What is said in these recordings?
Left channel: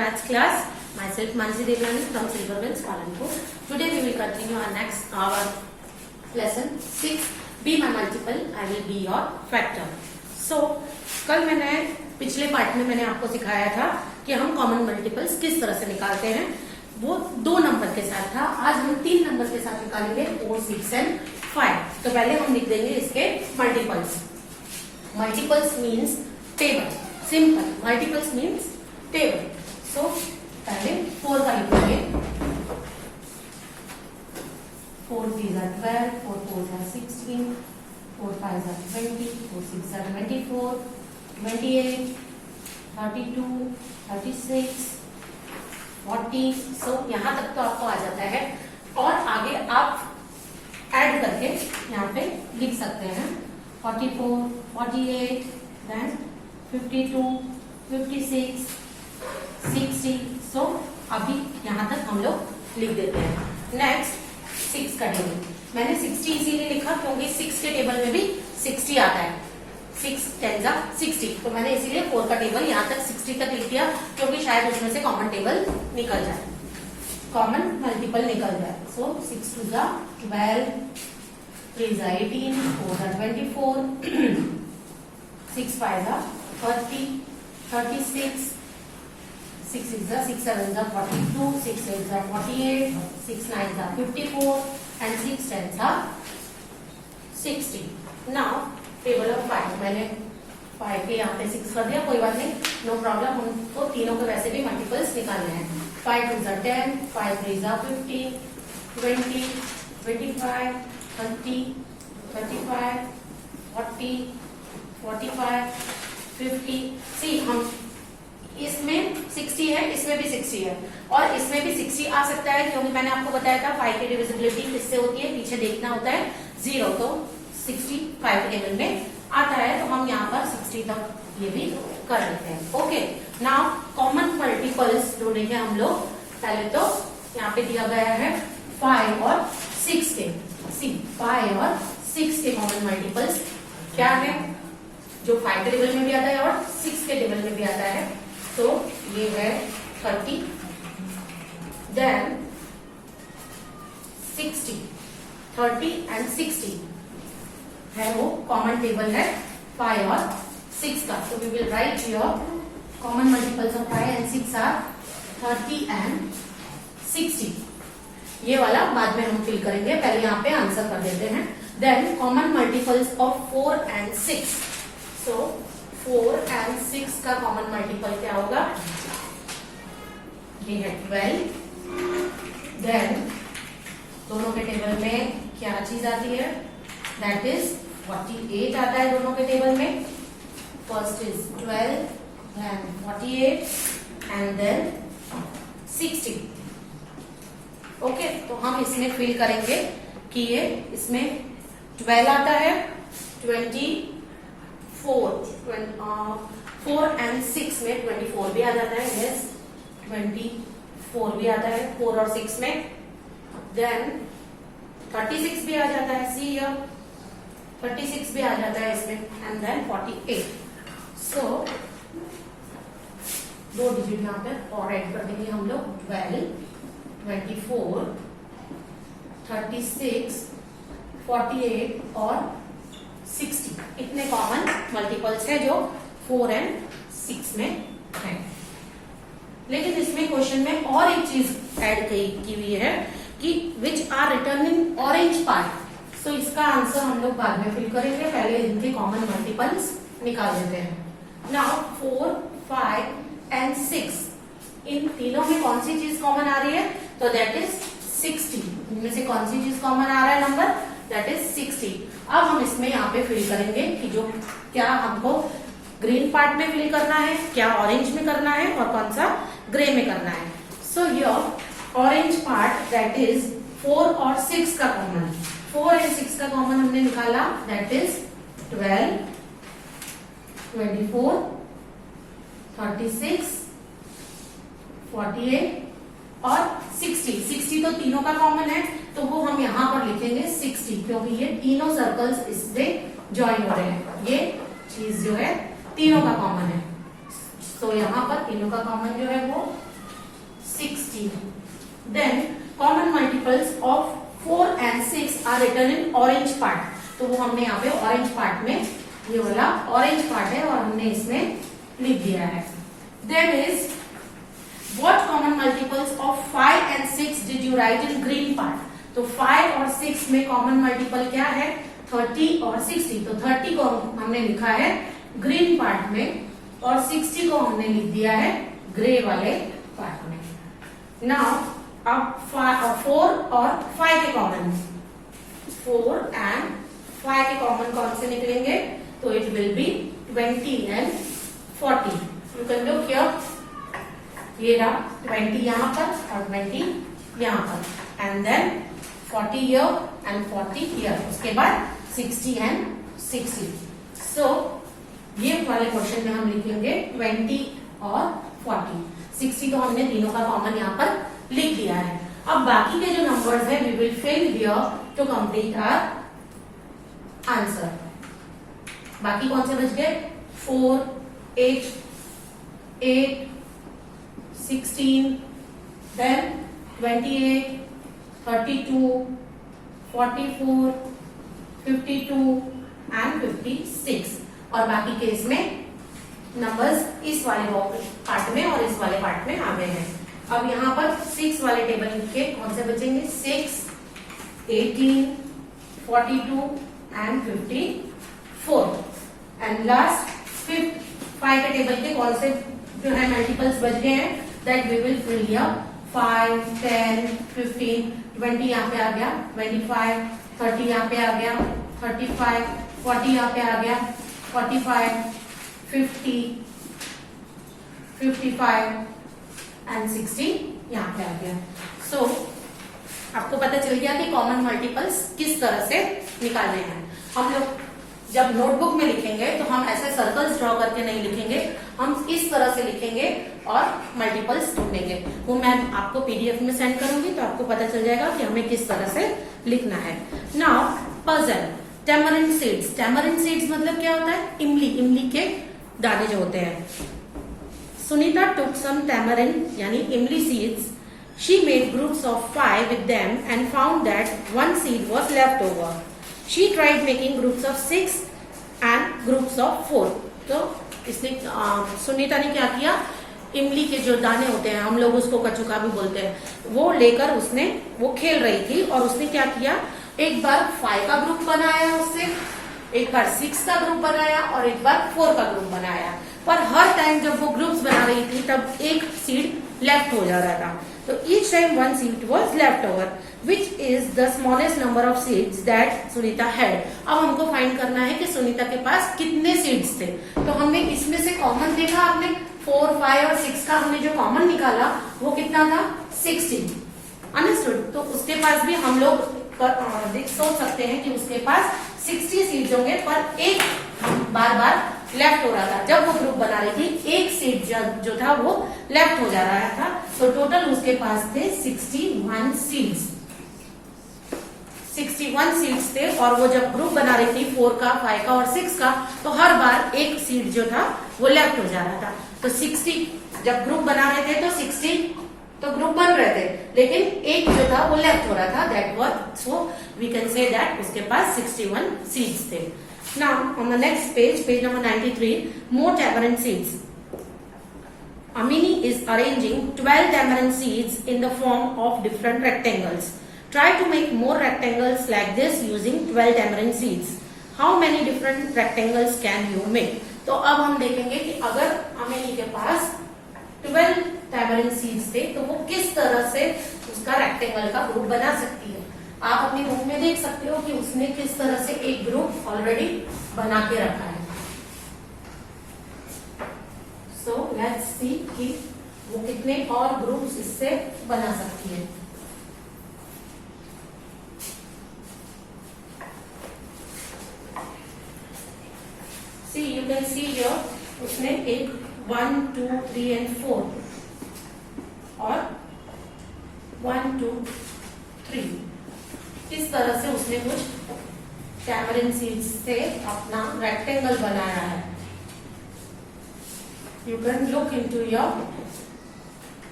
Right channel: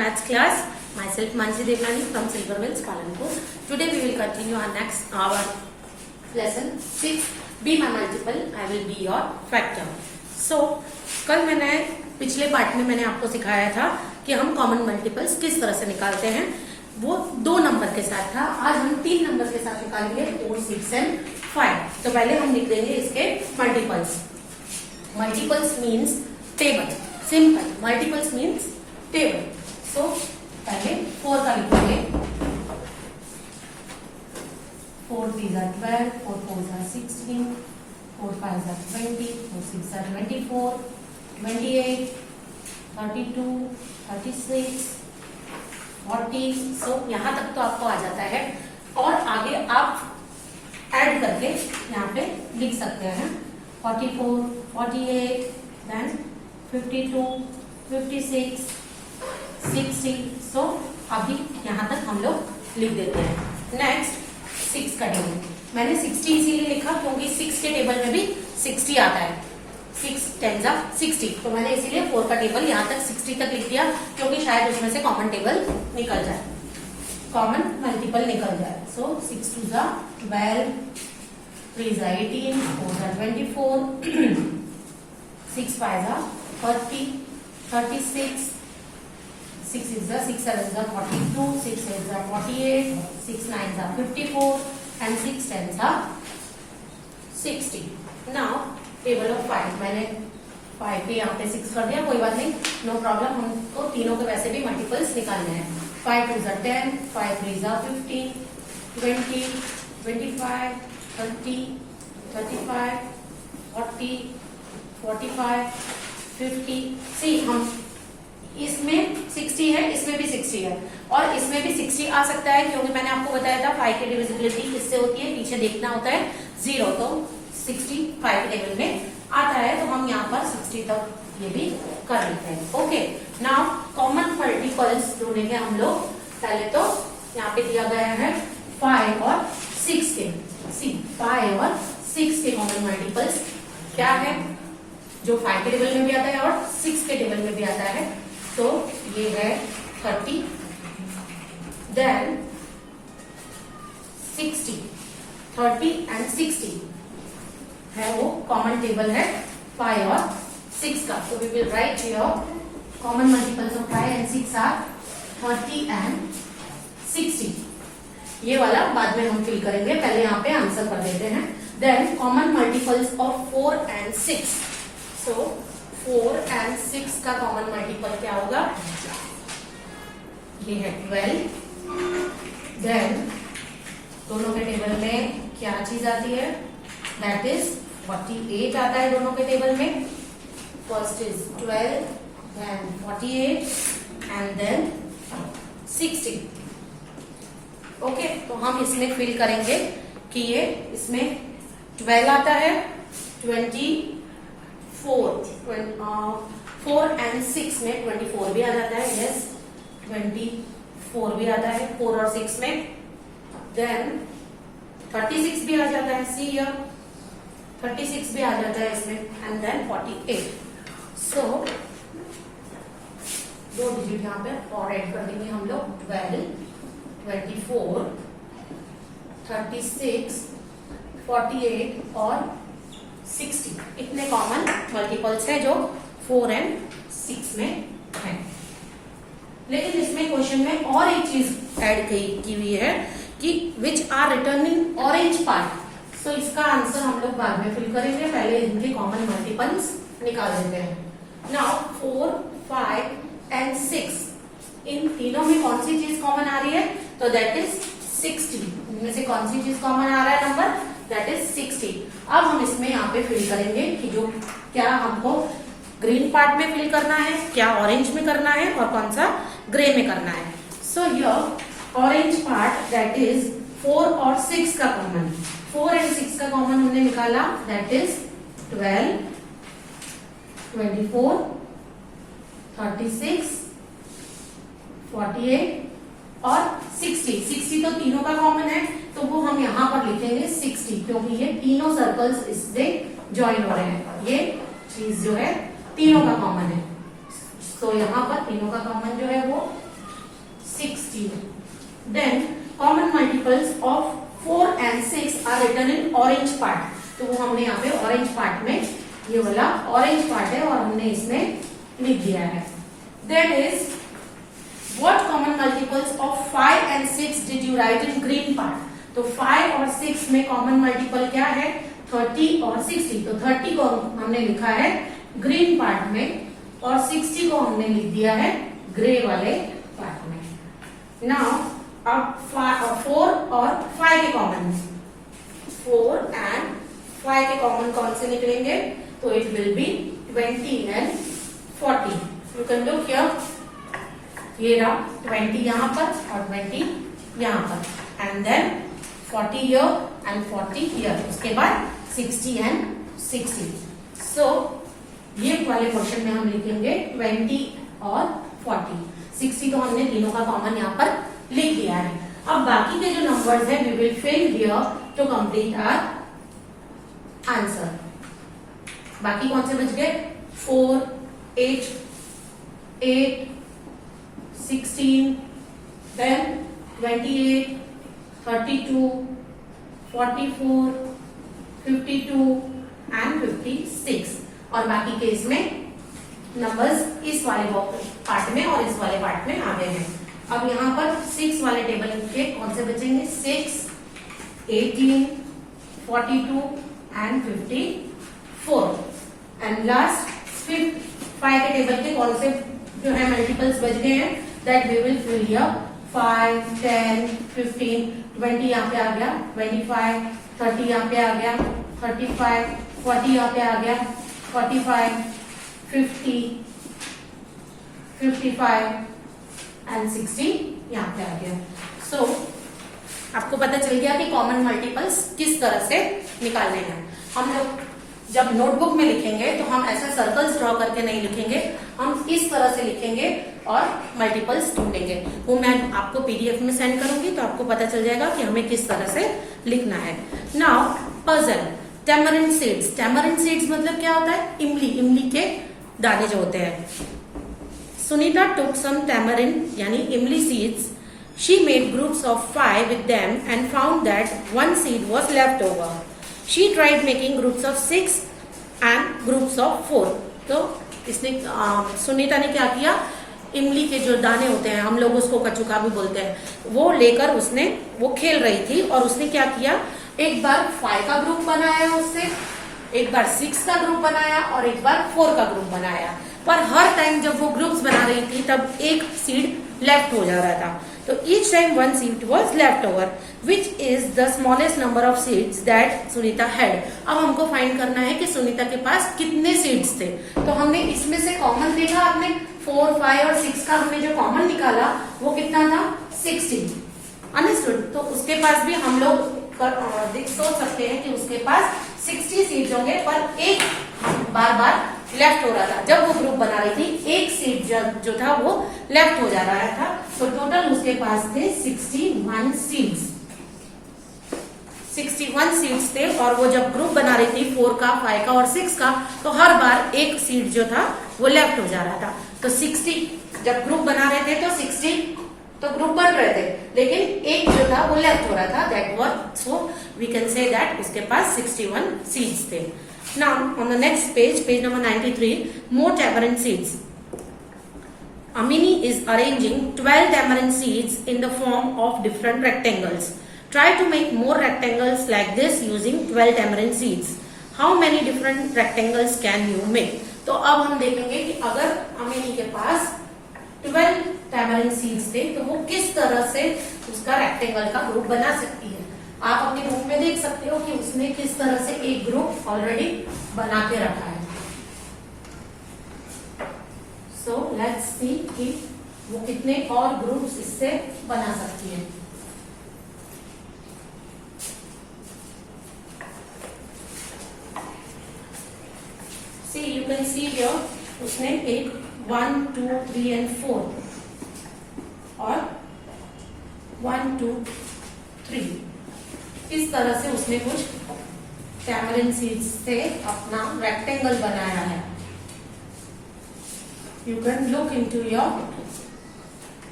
maths class. Myself Mansi Devlani from Silver Wells, Palanpur. Today we will continue our lesson 6. Be my multiple, I will be your factor. So कल मैंने पिछले part में मैंने आपको सिखाया था कि हम कॉमन मल्टीपल्स किस तरह से निकालते हैं. वो 2 नंबर के साथ था. आज हम 3 नंबर के साथ निकालेंगे 4, 6 एंड 5. तो पहले हम लिख देंगे इसके multiples. Multiples means table. Simple. Multiples means table. So पहले 4 का लिखेंगे. 4 3s are 12, 4 4s are 16, 4 5s are 20, 4 6 are 24, 28, 32, 36, 40. सो यहाँ तक तो आपको आ जाता है और आगे आप ऐड करके यहाँ पे लिख सकते हैं 44, 48, then 52, 56, 60. सो अभी यहाँ तक हम लोग लिख देते हैं. नेक्स्ट 6 का टेबल. मैंने 60 इसीलिए लिखा क्योंकि 6 के टेबल में भी 60 आता है. 6 10 जा 60. तो मैंने इसीलिए 4 का टेबल यहाँ तक 60 तक लिख दिया क्योंकि शायद उसमें से कॉमन टेबल निकल जाए, कॉमन मल्टीपल निकल जाए. सो 6 2 जा 12, 3 जा 18, 4 जा 24, 6 5 जा 30, 36, 6 6 7 जा 42, 6 8 जा 48, 6 9 जा 54 and 6 10 जा 60. Now table of 5. मैंने 5 के यहाँ पे 6 कर दिया, कोई बात नहीं, नो प्रॉब्लम. हमको तीनों के वैसे भी मल्टीपल्स निकालने हैं. 5 2 जा 10, 5 3 जा 15, 20, 25, 30, 35, 40, 45, 50. सी हम इसमें 60 है, इसमें भी 60 है और इसमें भी 60 आ सकता है क्योंकि मैंने आपको बताया था 5 की डिविजिबिलिटी किससे होती है, पीछे देखना होता है 0. तो 60 5 के टेबल में आता है तो हम यहाँ पर 60 तक ये भी कर लेते हैं. ओके. नाउ कॉमन मल्टीपल्स ढूंढेंगे हम लोग. पहले तो यहाँ पे दिया गया है 5 और 6 के. सी 5 और 6 के कॉमन मल्टीपल्स क्या है, जो 5 के टेबल में भी आता है और 6 के टेबल में भी आता है. तो ये है 30, देन 60. 30 एंड 60 है वो कॉमन टेबल है 5 और 6 का. तो we will write here common multiples of 5 and 6 are 30 and 60. ये वाला बाद में हम फिल करेंगे, पहले यहाँ पे आंसर कर देते हैं. Then common multiples of 4 and 6. So 4 and 6 का कॉमन मल्टीपल क्या होगा, ये है 12. देन दोनों के टेबल में क्या चीज आती है, दैट इज 48 आता है दोनों के टेबल में. First is 12, then 48 and then 60. Okay. तो हम इसमें फिल करेंगे कि ये इसमें 12 आता है, 24 4 एंड 6 में 24 भी आ जाता है. यस 24 भी आता है 4 और 6 में. देन 36 भी आ जाता है. सी हियर 36 भी आ जाता है इसमें. And then 48. सो 2 डिजिट यहाँ पे और ऐड कर देंगे हम लोग. 12, 24, 36, 48 और 60. इतने कॉमन मल्टीपल्स है जो 4 एंड 6 में है. लेकिन इसमें क्वेश्चन में और एक चीज ऐड की हुई है कि which are return in orange part. So इसका आंसर हम लोग बाद में फिल करेंगे, पहले इनके कॉमन मल्टीपल्स निकाल देते हैं. नाउ 4, 5 एंड 6 इन तीनों में कौन सी चीज कॉमन आ रही है, तो दैट इज 60. इनमें से कौन सी चीज कॉमन आ रहा है नंबर, दैट इज 60. अब हम इसमें यहाँ पे फिल करेंगे कि जो क्या हमको ग्रीन पार्ट में फिल करना है, क्या ऑरेंज में करना है और कौन सा ग्रे में करना है. So your orange part that is 4 और 6 का कॉमन. 4 एंड 6 का कॉमन हमने निकाला, दैट इज 12, 24, 36, 48 और 60. 60 तो तीनों का कॉमन है तो वो हम यहाँ पर लिखेंगे 60 क्योंकि ये तीनों सर्कल्स इससे ज्वाइन हो रहे हैं. ये चीज जो है तीनों का कॉमन है. तो यहाँ पर तीनों का कॉमन जो है वो 16. Then common multiples of 4 and 6 are written in orange part. तो वो हमने यहाँ पे ऑरेंज पार्ट में, ये वाला ऑरेंज पार्ट है और हमने इसमें लिख दिया है. Then is what common multiples of 5 and 6 did you write in green part? तो 5 और 6 में कॉमन मल्टीपल क्या है? 30 और 60. तो 30 को हमने लिखा है ग्रीन पार्ट में और 60 को हमने लिख दिया है ग्रे वाले पार्ट में. नाउ अब 4 और 5 के कॉमन, 4 एंड 5 के कॉमन कौन से निकलेंगे? तो it will be 20 and 40. You can look here, ये रहा 20 यहाँ पर और 20 यहाँ पर, and then 40 here and 40 here. उसके बाद 60 एंड 60. सो ये वाले क्वेश्चन में हम लिखेंगे 20 और 40. 60 तो हमने तीनों का कॉमन यहाँ पर लिख दिया है. अब बाकी के जो नंबर्स है we will fill here to complete our answer. बाकी कौन से बच गए? 4, 8, 16, then 28, 32, 44, 52 and 56. और बाकी के इसमें नंबर्स इस वाले पार्ट में और इस वाले पार्ट में आ गए हैं. अब यहाँ पर 6 वाले टेबल के कौन से बचेंगे? 6, 18, 42 and 54. एंड लास्ट 5 के टेबल के कौन से जो है मल्टीपल्स बच गए हैं? That we will fill here. 5, 10, 15, 20 यहाँ पे आ गया, 25, 30 यहाँ पे आ गया, 35, 40 यहाँ पे आ गया, 45, 50, 55 एंड 60 यहाँ पे आ गया. सो आपको पता चल गया कि कॉमन मल्टीपल्स किस तरह से निकालने हैं. हम लोग जब नोटबुक में लिखेंगे तो हम ऐसे सर्कल्स ड्रॉ करके नहीं लिखेंगे, हम इस तरह से लिखेंगे और मल्टीपल्स ढूंढेंगे. वो मैं आपको पीडीएफ में सेंड करूंगी तो आपको पता चल जाएगा कि हमें किस तरह से लिखना है. Now puzzle, tamarind seeds. Tamarind seeds मतलब क्या होता है? इमली, इमली के दाने जो होते हैं. सुनीता took some tamarind यानी इमली seeds. She made groups of 5 with them and found that one seed was left over. She tried making groups of 6 and groups of 4. तो इसने सुनीता ने क्या किया? इमली के जो दाने होते हैं, हम लोग उसको कचुका भी बोलते हैं, वो लेकर उसने वो खेल रही थी और उसने क्या किया? एक बार 5 का ग्रुप बनाया उससे, एक बार 6 का ग्रुप बनाया और एक बार 4 का ग्रुप बनाया. पर हर टाइम जब वो ग्रुप्स बना रही थी तब एक सीड लेफ्ट हो जा रहा था. तो each time one seed was left over, which is the smallest number of seeds that Sunita had. अब हमको फाइंड करना है कि सुनीता के पास कितने सीड्स थे. तो हमने इसमें से कॉमन देखा, आपने 4, 5 और 6 का हमने जो कॉमन निकाला वो कितना था? 60. अंडरस्टूड. तो उसके पास भी हम लोग सोच सकते हैं कि उसके पास 60 सीड्स होंगे, पर एक बार बार लेफ्ट हो रहा था. जब वो ग्रुप बना रही थी एक सीड जो था वो लेफ्ट हो जा रहा था. तो टोटल उसके पास थे 61 सीड्स. 61 सीड्स थे और वो जब ग्रुप बना रही थी 4 का, 5 का और 6 का, तो हर बार एक सीड जो था वो लेफ्ट हो जा रहा था. तो 60 जब ग्रुप बना रहे थे तो 60 तो ग्रुप बन रहे थे, लेकिन एक जो था वो लेफ्ट हो रहा था. That was, so we can say that उसके पास 61 सीड्स थे. Now on the next page, page number 93, more tamarind seeds. Amini is arranging 12 tamarind seeds in the form of different rectangles. Try to make more rectangles like this using 12 tamarind seeds. How many different rectangles can you make? तो अब हम देखेंगे कि अगर अमिनी के पास 12 tamarind seeds थे तो वो किस तरह से उसका रेक्टेंगल का ग्रुप बना सकती है. आप अपने रूम में देख सकते हो कि उसने किस तरह से एक ग्रुप ऑलरेडी बना के रखा है. सो लेट्स सी कि वो कितने और ग्रुप्स इससे बना सकती है. सी यू कैन सी हियर उसने एक 1, 2, 3 and 4 और 1, 2, 3 इस तरह से उसने कुछ टैमरिंड सीड्स से अपना रेक्टेंगल बनाया है. You can look into your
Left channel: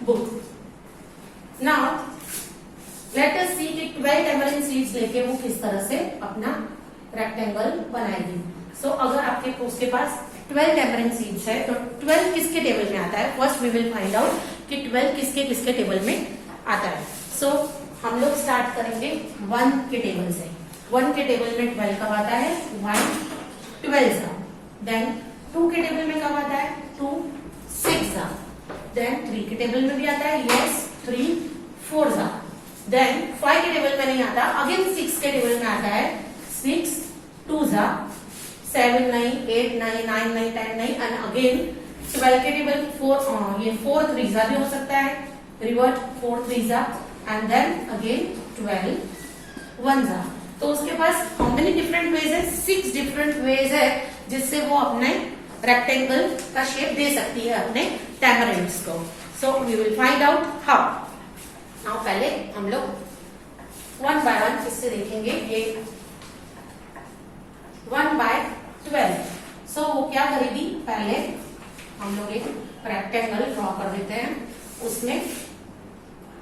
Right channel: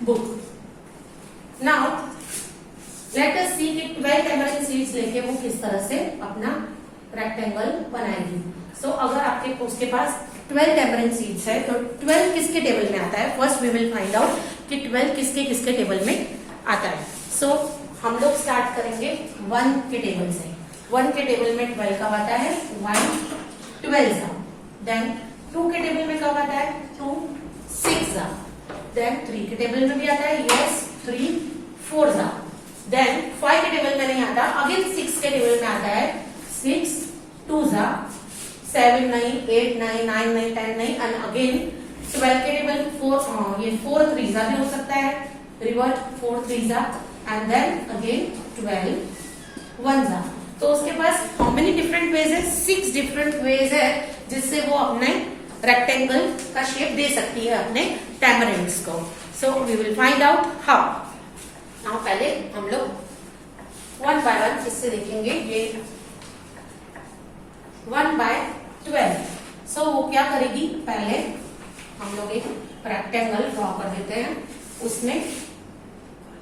book. Now let us see कि 12 टैमरिंड सीड्स लेके वो किस तरह से अपना रेक्टेंगल बनाएगी। सो अगर आपके उसके पास 12 टैमरिंड सीड्स है तो 12 किसके टेबल में आता है, first we will find out कि 12 किसके किसके टेबल में आता है। सो हम लोग स्टार्ट करेंगे 1 के टेबल से। 1 के टेबल में 12 कब आता है, 1 12 देन 2 के टेबल में कब आता है, 2 6 देन 3 के टेबल में भी आता है, यस 3 4 देन 5 के टेबल में नहीं आता, अगेन 6 के टेबल में आता है, 6 2 7 नहीं, 8 नहीं, 9 नहीं, 10 नहीं, एंड अगेन 12 के टेबल 4 ये 4 3 भी हो सकता है, रिवर्ट 4 3 एंड देन अगेन 12 1 तो उसके पास हाउ मेनी डिफरेंट वेज है, 6 डिफरेंट वेज है जिससे वो अपने रेक्टेंगल का शेप दे सकती है अपने टैमरिंड्स को। So we will find out how. Now पहले हम लोग 1 बाय 1 इससे देखेंगे। ये 1 बाय 12 सो वो क्या करेगी, पहले हम लोग एक रेक्टेंगल ड्रॉ कर देते हैं, उसमें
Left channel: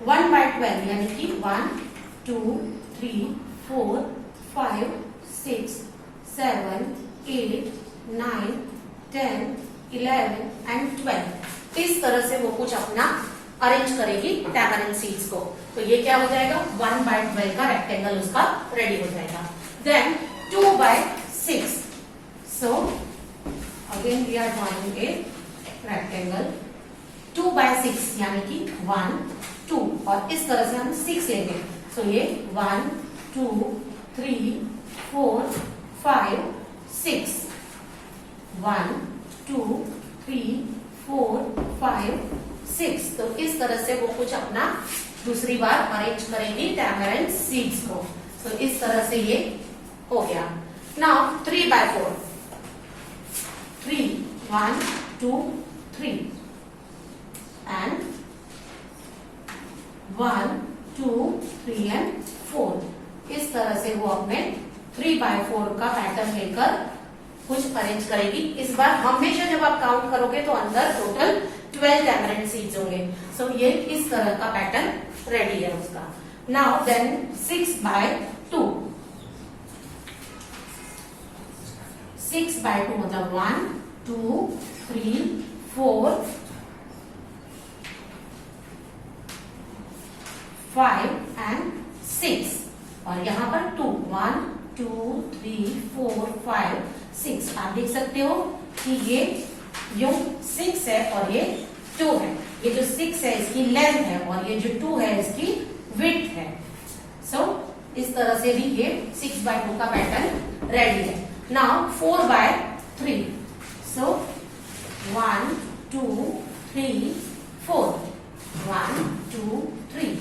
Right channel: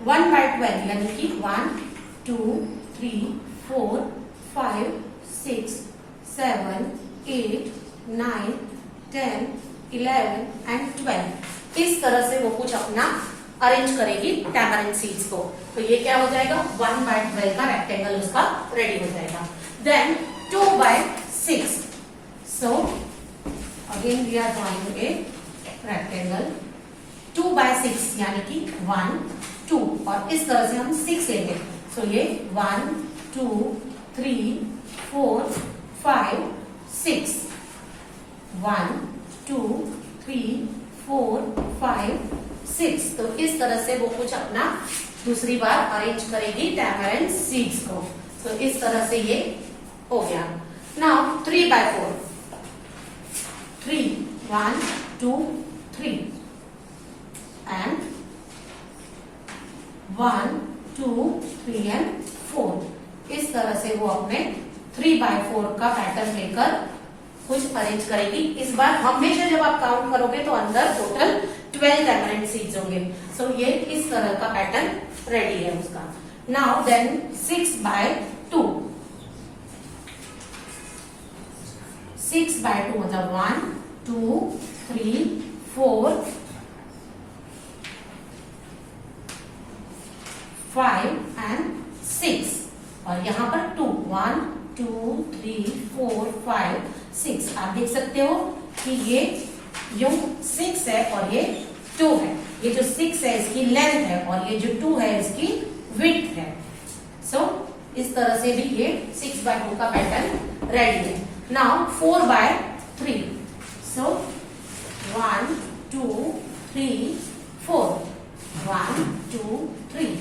1 बाय 12 यानी कि 1 2 3 4 5 6 7 8 9 10 11 एंड 12 इस तरह से वो कुछ अपना अरेंज करेगी टैमरिंड सीड्स को। तो ये क्या हो जाएगा, 1 बाय 12 का रेक्टेंगल उसका रेडी हो जाएगा। Then 2 by 6 so again we are drawing a rectangle 2 by 6 यानी कि 1 2 और इस तरह से हम 6 लेंगे। सो ये 1 2 3 4 5 6 1 2 3 4 5 6 तो इस तरह से वो कुछ अपना दूसरी बार अरेंज करेगी टैमरिंड सीड्स को। तो इस तरह से ये हो गया। नाउ 3 बाय 4 3 1 2 3 एंड 1 2 3 एंड 4 इस तरह से वो अपने 3 बाय 4 का पैटर्न लेकर कुछ अरेंज करेगी। इस बार हमेशा जब आप काउंट करोगे तो अंदर टोटल 12 टैमरिंड सीड्स होंगे। सो ये इस तरह का पैटर्न रेडी है उसका। नाउ देन 6 बाय 2 6 बाय 2 मतलब 1 2 3 4 5 एंड 6 और यहाँ पर 2 1 2 3 4 5 6 आप देख सकते हो कि ये यूं 6 है और ये 2 है। ये जो 6 है इसकी लेंथ है और ये जो 2 है इसकी विड्थ है। सो इस तरह से भी ये 6 बाय 2 का पैटर्न रेडी है। नाउ 4 बाय 3 सो 1 2 3 4 1 2 3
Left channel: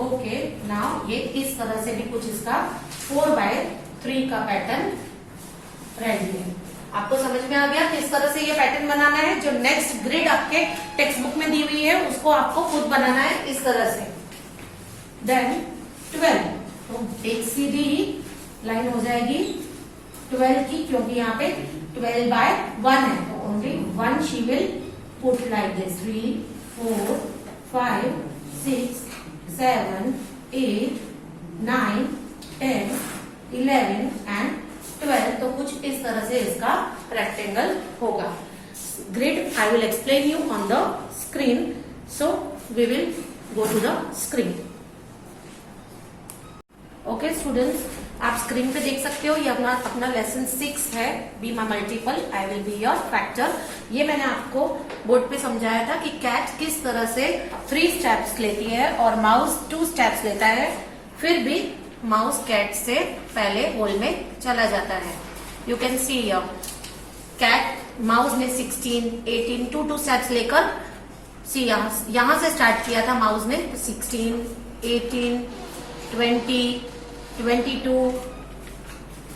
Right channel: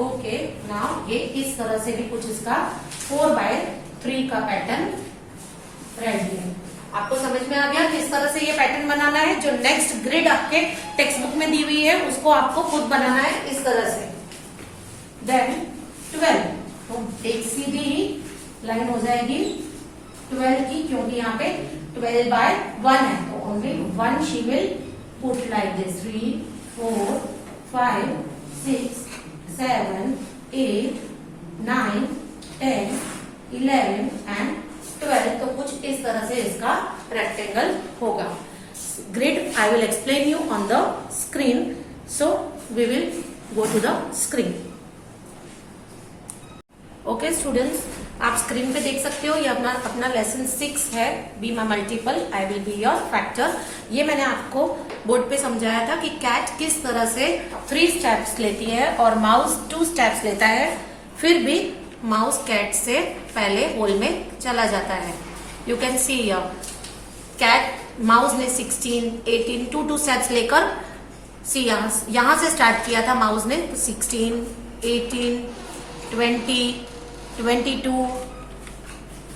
ओके। नाउ ये इस तरह से भी कुछ इसका 4 बाय 3 का पैटर्न रेडी है। आपको समझ में आ गया किस तरह से ये पैटर्न बनाना है। जो नेक्स्ट ग्रिड आपके टेक्स्ट बुक में दी हुई है उसको आपको खुद बनाना है इस तरह से। देन 12 तो एक सीधी लाइन हो जाएगी 12 की, क्योंकि यहाँ पे 12 बाय 1 है तो only 1 she will put like this 3 4 5 6 7 8 9 10 11 and 12 तो कुछ इस तरह से इसका रेक्टेंगल होगा। Grid I will explain you on the screen, so we will go to the screen. Okay students, आप स्क्रीन पे देख सकते हो ये अपना लेसन 6 है, be my multiple I will be your factor. ये मैंने आपको बोर्ड पे समझाया था कि कैट किस तरह से 3 स्टेप्स लेती है और माउस 2 स्टेप्स लेता है, फिर भी माउस कैट से पहले होल में चला जाता है। You can see cat mouse ने 16 18 2 स्टेप्स लेकर सी यहां से स्टार्ट किया था। माउस ने 16 18 20 22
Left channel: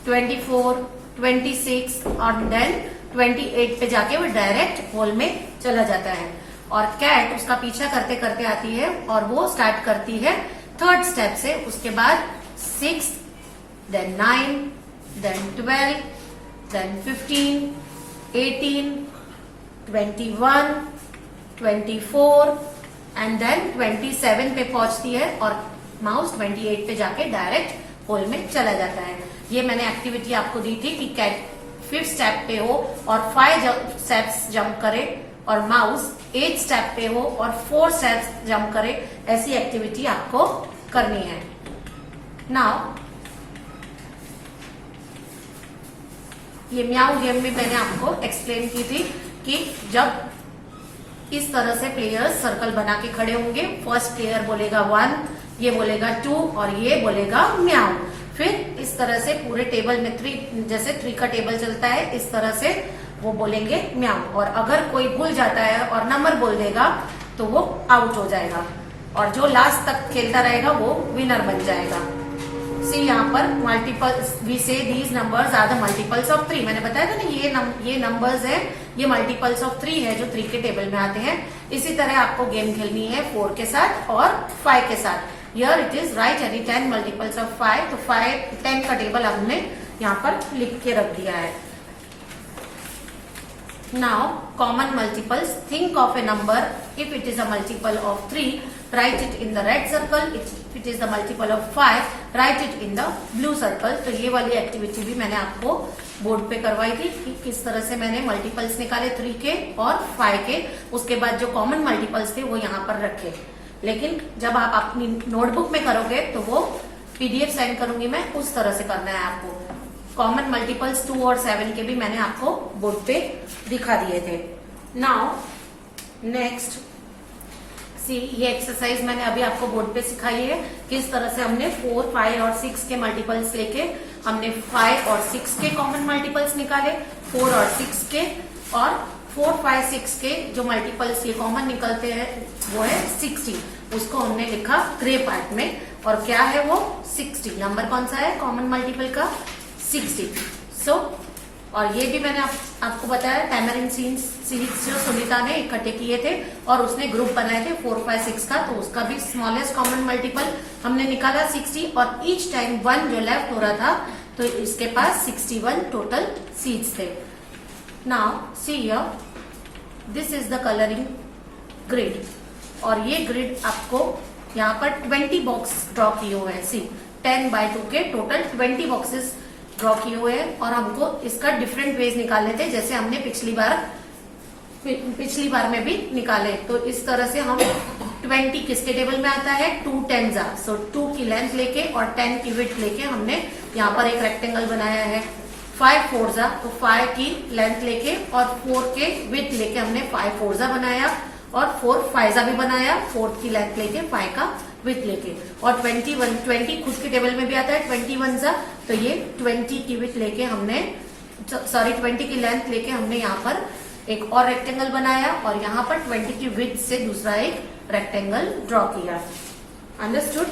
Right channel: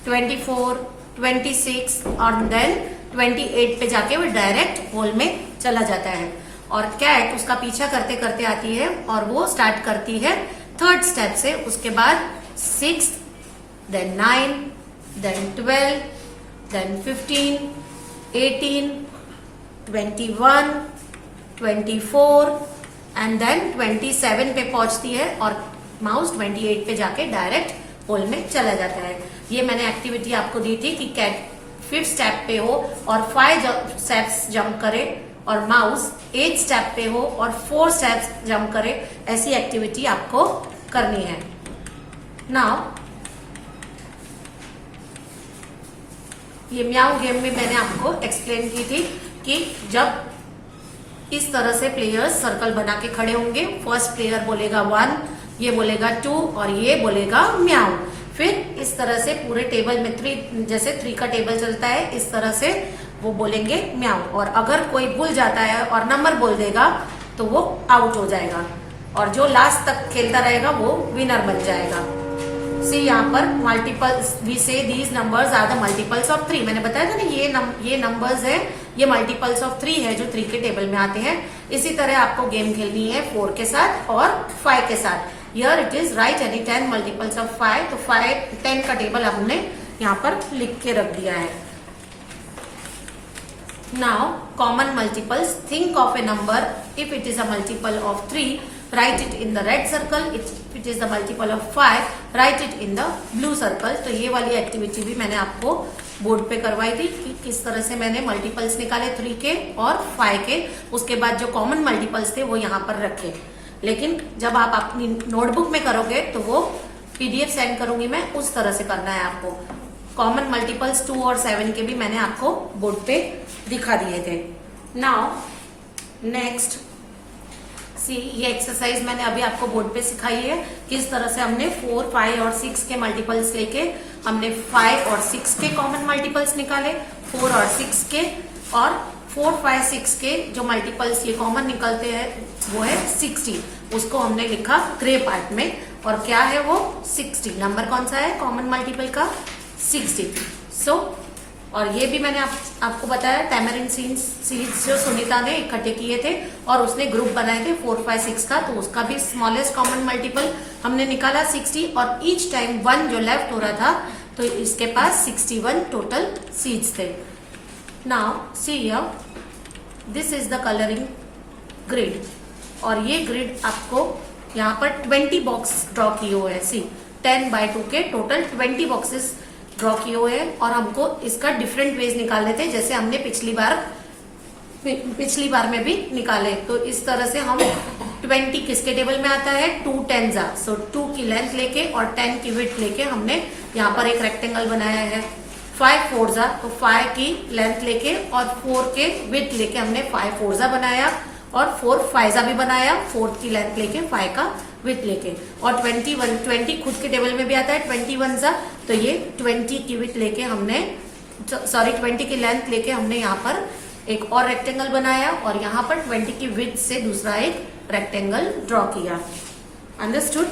24 26 और देन 28 पे जाके वो डायरेक्ट होल में चला जाता है। और कैट उसका पीछा करते करते आती है और वो स्टार्ट करती है 3rd स्टेप से। उसके बाद 6 then 9 then 12 then 15 18 21 24 and then 27 पे पहुंचती है और माउस 28 पे जाके डायरेक्ट होल में चला जाता है। ये मैंने एक्टिविटी आपको दी थी कि कैट 5th स्टेप पे हो और 5 स्टेप्स जंप करे और माउस 8th स्टेप पे हो और 4 स्टेप्स जंप करे। ऐसी एक्टिविटी आपको करनी है। नाउ ये म्याऊ गेम में मैंने आपको एक्सप्लेन की थी कि जब इस तरह से प्लेयर्स सर्कल बना के खड़े होंगे, फर्स्ट प्लेयर बोलेगा 1, ये बोलेगा 2 और ये बोलेगा म्याऊ। फिर इस तरह से पूरे टेबल में 3, जैसे 3 का टेबल चलता है, इस तरह से वो बोलेंगे म्याऊ। और अगर कोई भूल जाता है और नंबर बोल देगा तो वो आउट हो जाएगा और जो लास्ट तक खेलता रहेगा वो विनर बन जाएगा। सी यहाँ पर multiples, we say these numbers are the multiples of 3। मैंने बताया था ना ये नंबर्स है, ये मल्टीपल्स ऑफ 3 है जो 3 के टेबल में आते हैं। इसी तरह आपको गेम खेलनी है 4 के साथ और 5 के साथ। Here it is right any 10 multiples of 5। तो 10 का टेबल हमने यहाँ पर लिख के रख दिया है। Now common multiples, think of a number. If it is a multiple of 3, write it in the red circle. If it is the multiple of 5, write it in the blue circle. तो ये वाली activity भी मैंने आपको board पे करवाई थी कि किस तरह से मैंने मल्टीपल्स निकाले 3 के और 5 के। उसके बाद जो कॉमन मल्टीपल्स थे वो यहाँ पर रखे। लेकिन जब आप अपनी नोटबुक में करोगे तो वो PDF सेंड करूंगी मैं, उस तरह से करना है आपको। कॉमन मल्टीपल्स 2 और 7 के भी मैंने आपको बोर्ड पे दिखा दिए थे। नाउ नेक्स्ट सी, ये एक्सरसाइज मैंने अभी आपको बोर्ड पे सिखाई है। किस तरह से हमने 4, 5 और 6 के मल्टीपल्स लेके हमने 5 और 6 के कॉमन मल्टीपल्स निकाले, 4 और 6 के, और 4, 5, 6 के जो मल्टीपल्स ये कॉमन निकलते हैं वो है 60। उसको हमने लिखा ग्रे पार्ट में। और क्या है वो 60, नंबर कौन सा है कॉमन मल्टीपल का 60। और ये भी मैंने आपको बताया टैमरिन सीड्स जो सुनीता ने इकट्ठे किए थे और उसने ग्रुप बनाए थे 4, 5, 6 का, तो उसका भी स्मॉलेस्ट कॉमन मल्टीपल हमने निकाला 60। और ईच टाइम 1 जो लेफ्ट हो रहा था तो इसके पास 61 टोटल सीड्स थे। Now see here, this is the colouring grid. और ये ग्रिड आपको यहाँ पर 20 बॉक्स ड्रॉ किए हुए हैं। सी 10x2 के टोटल 20 बॉक्सेस ड्रॉ किए हुए हैं और हमको इसका डिफरेंट वेज निकालने थे, जैसे हमने पिछली बार में भी निकाले। तो इस तरह से हम 20 किसके टेबल में आता है 2 10s। सो 2 की लेंथ लेके और 10 की विड्थ लेके हमने यहाँ पर एक रेक्टेंगल बनाया है। 5 4s, तो 5 की लेंथ लेके और 4 के विड्थ लेके हमने 5 4s बनाया और 4 5s भी बनाया, 4 की लेंथ लेके 5 का विथ लेके। और 20 खुद के टेबल में भी आता है 21s, तो ये 20 की विथ लेके हमने 20 की लेंथ लेके हमने यहाँ पर एक और रेक्टेंगल बनाया और यहाँ पर 20 की विथ से दूसरा एक रेक्टेंगल ड्रॉ किया। Understood?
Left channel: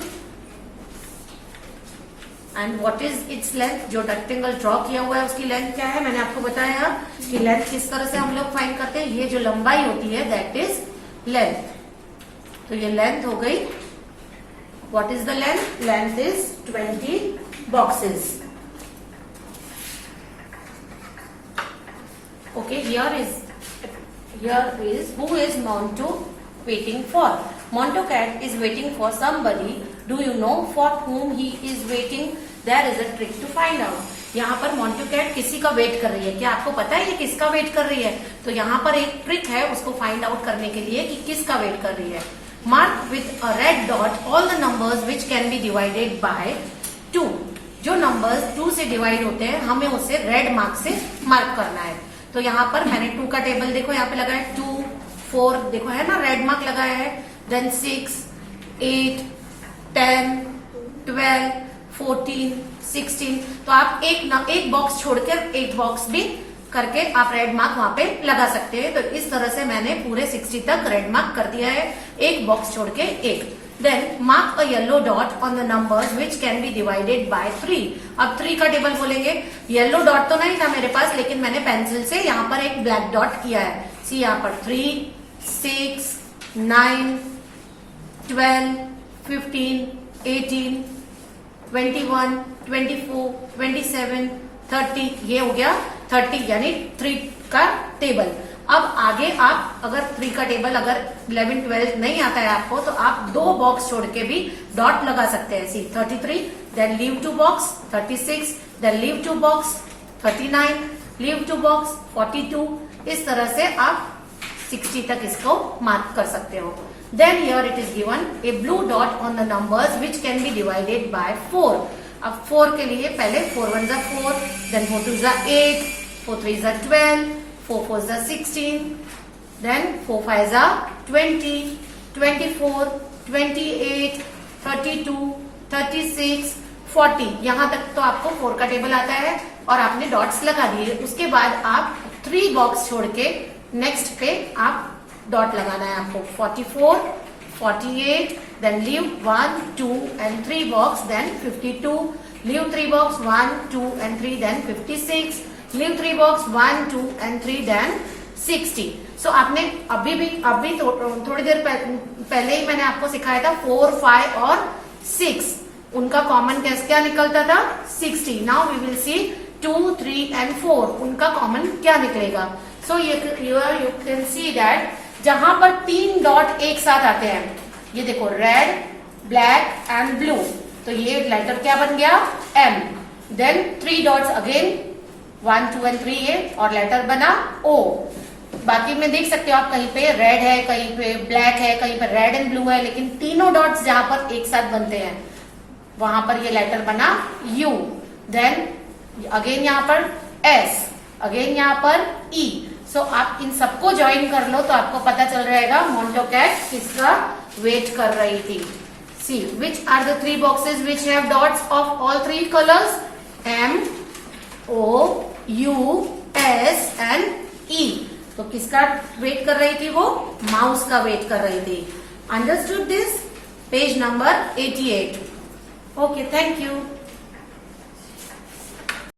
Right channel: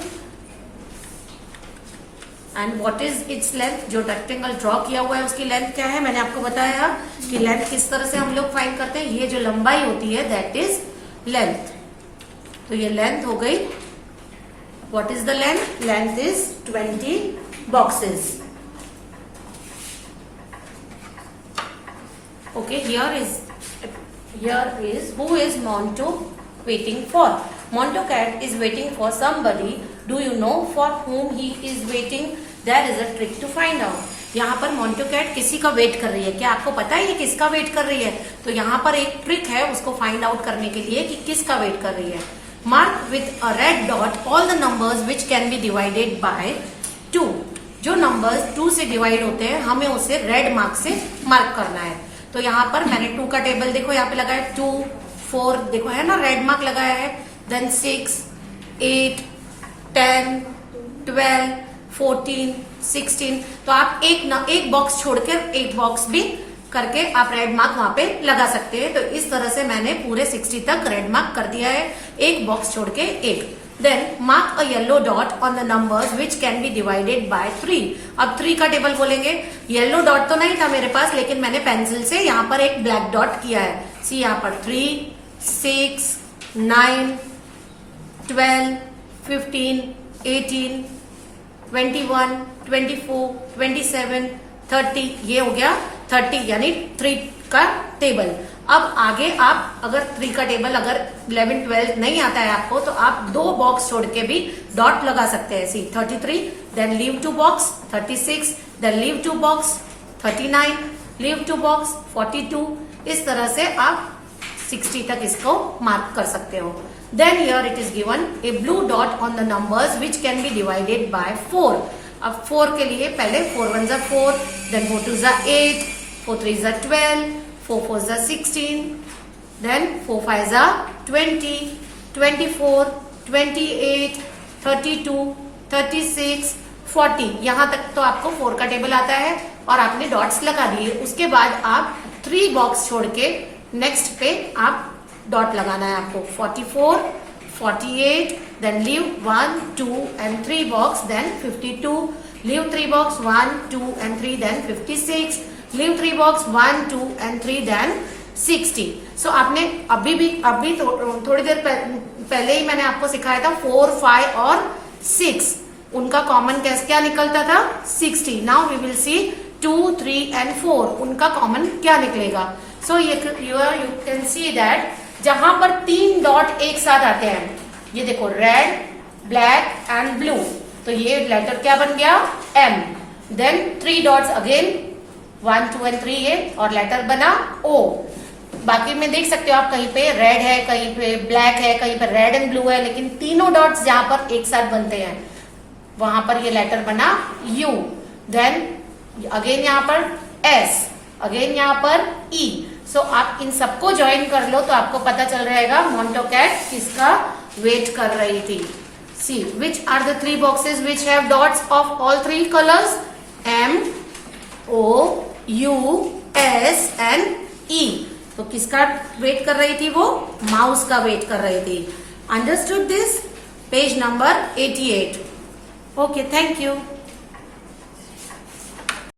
And what is its length? जो रेक्टेंगल ड्रॉ किया हुआ है उसकी लेंथ क्या है, मैंने आपको बताया कि लेंथ किस तरह से हम लोग फाइंड करते हैं। ये जो लंबाई होती है दैट इज लेंथ। तो ये लेंथ हो गई। What is the length? Length is 20 boxes. Okay, here is who is Montu waiting for? Montu cat is waiting for somebody. Do you know for whom he is waiting? There is a trick to find out. यहाँ पर Montu cat किसी का wait कर रही है। क्या आपको पता है ये किसका वेट कर रही है? तो यहाँ पर एक ट्रिक है उसको फाइंड आउट करने के लिए कि किसका वेट कर रही है। Mark with a red dot all the numbers which can be divided by 2. जो नंबर्स 2 से डिवाइड होते हैं हमें उसे रेड मार्क से मार्क करना है। तो यहाँ पर मैंने 2 का टेबल देखो यहाँ पे लगा है 2, 4 देखो है ना, रेड मार्क लगाया है। देन 6, 8, 10, 12, 14, 16। तो आप एक बॉक्स छोड़कर एक बॉक्स भी करके आप रेड मार्क वहां पे लगा सकते हैं। तो इस तरह से मैंने पूरे 60 तक रेड मार्क कर दिया है, एक बॉक्स छोड़ के एक। Then mark a yellow dot on the numbers which can be divided by 3। अब 3 का टेबल बोलेंगे। येलो डॉट तो नहीं था मेरे पास, लेकिन मैंने पेंसिल से यहाँ पर एक ब्लैक डॉट किया है। सी यहाँ पर 3, 6, 9, 12, 15, 18, 21, 24, 27, 30। ये हो गया 30 यानी 3 का टेबल। अब आगे आप अगर 3 का टेबल अगर 11, 12 नहीं आता है आपको तो आप 2 बॉक्स छोड़ के भी डॉट लगा सकते हैं। See 33, then leave 2 box, 36, then leave 2 box, 39, leave 2 box, 42। इस तरह से आप 60 तक इसको मार्क कर सकते हो। Then here it is given a blue dot on the numbers which can be divided by 4। अब 4 के लिए पहले 4 1 जा 4, देन 4 2 जा 8, 4 3 जा 12, 4 4 जा 16, देन 4 5 जा 20, 24, 28, 32, 36, 40। यहां तक तो आपको 4 का टेबल आता है और आपने डॉट्स लगा दिए। उसके बाद आप 3 बॉक्स छोड़ के नेक्स्ट पे आप डॉट लगाना है आपको। 44, 48, then leave 1, 2 and 3 box, then 52, leave 3 box, 1, 2 and 3, then 56, leave 3 box, 1, 2 and 3, then 60। So आपने अभी थोड़ी देर पहले ही मैंने आपको सिखाया था 4, 5 और 6 उनका कॉमन क्या निकलता था 60। Now we will see 2, 3 and 4 उनका कॉमन क्या निकलेगा। So you can see that जहां पर 3 डॉट एक साथ आते हैं, ये देखो रेड, ब्लैक एंड ब्लू, तो ये लेटर क्या बन गया M। Then 3 dots again 1, 2 and 3 ये और लेटर बना O। बाकी में देख सकते हो आप कहीं पे रेड है, कहीं पे ब्लैक है, कहीं पे रेड एंड ब्लू है, लेकिन तीनों डॉट्स जहां पर एक साथ बनते हैं वहां पर ये लेटर बना U। देन अगेन यहाँ पर S, अगेन यहाँ पर E। सो आप इन सबको ज्वाइन कर लो तो आपको पता चल रहेगा मोंटो कैट किसका वेट कर रही थी। See which are the 3 boxes which have dots of all 3 colours M, O, U, S and E। तो किसका वेट कर रही थी वो माउस का वेट कर रही थी। Understood this? Page number 88। Okay, thank you.